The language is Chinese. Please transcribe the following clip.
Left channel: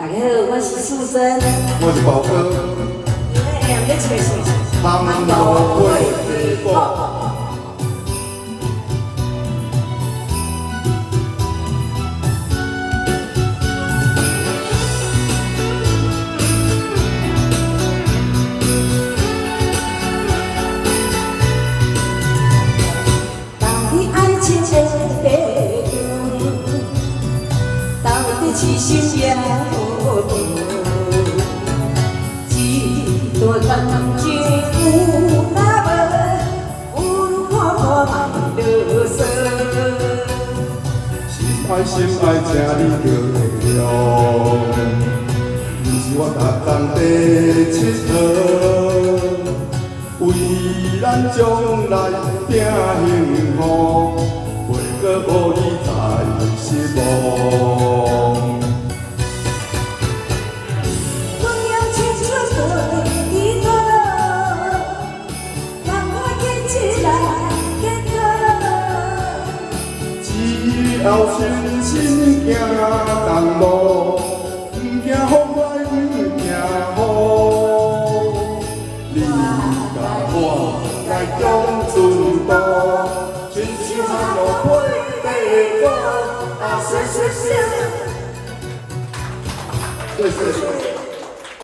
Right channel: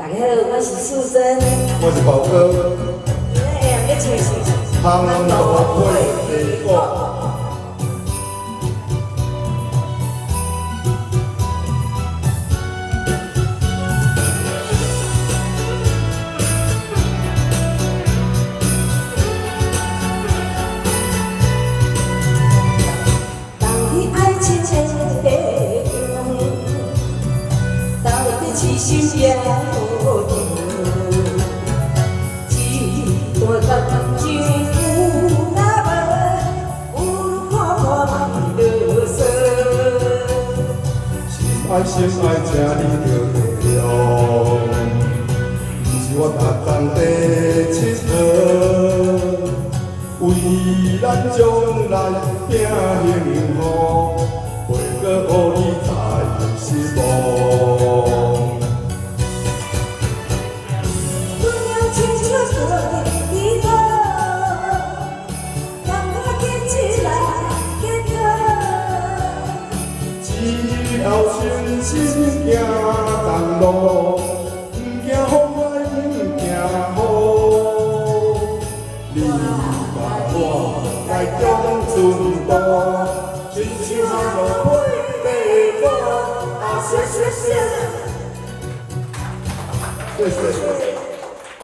大家好，我是素贞。我是宝哥。哎，我找是汤头粿地瓜。当你爱情千杯中，当你痴心变无定，几多曾经有那么温暖的色。心爱请你着会了，你是我逐工地佚佗，为咱将来拼幸福，袂阁无你再失望。我要牵着我的手，让我坚持来坚持。只要信心行同路，不惊风来，不惊雨。你甲我来共寸步，亲像路配地多，啊，谢谢谢谢。